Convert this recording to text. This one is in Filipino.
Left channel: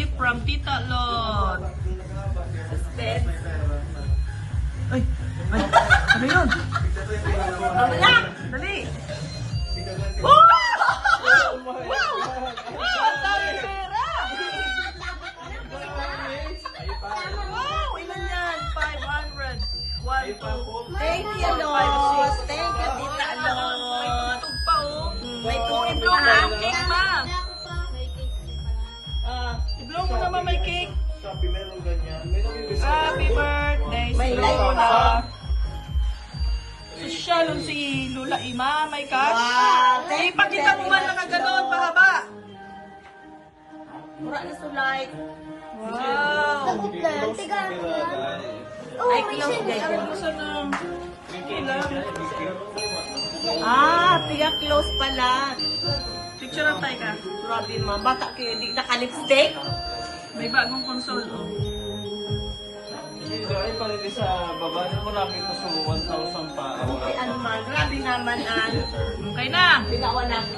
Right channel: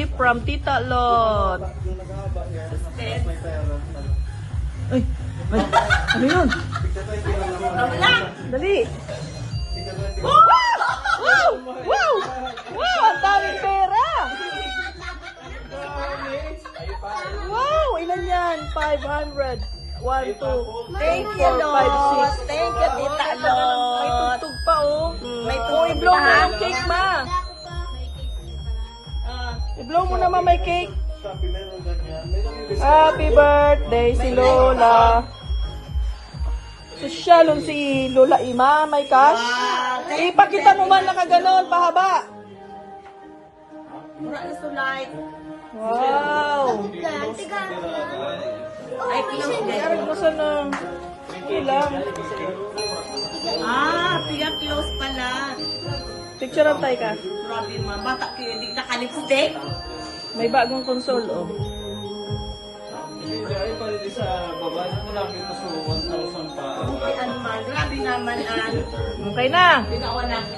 gift from Tita Lot. Suspense. Ay! Ay! Ano yun? Wala! Dali! Wow! Wow! Wow! Wow! Ang daming pera! Wow! Ilan yan? 500. 1, 2, Thank you, Lord. Thank you, Tita May Lord. tugtog pa, oh. May tubig I-blow mo pa. ang cake, ma. I-blow mo naman may cake. Happy birthday si Lola. Shalom si Lola Ima, may cash. Wow, thank you, Ipakita mo man nakaganon, pahaba. Mura na sulay. Wow. Ay, close Ay, din. gusto na. Ilang. Piga close pala. Picture lang tayo ka. Grabe, ma. Bata kayo, hindi naka-lipstick. May bagong console, oh. Ay, parinig sa baba na marami ito so 1,000 pa. Buti man. Grabe naman, an. Okay na. Binawan natin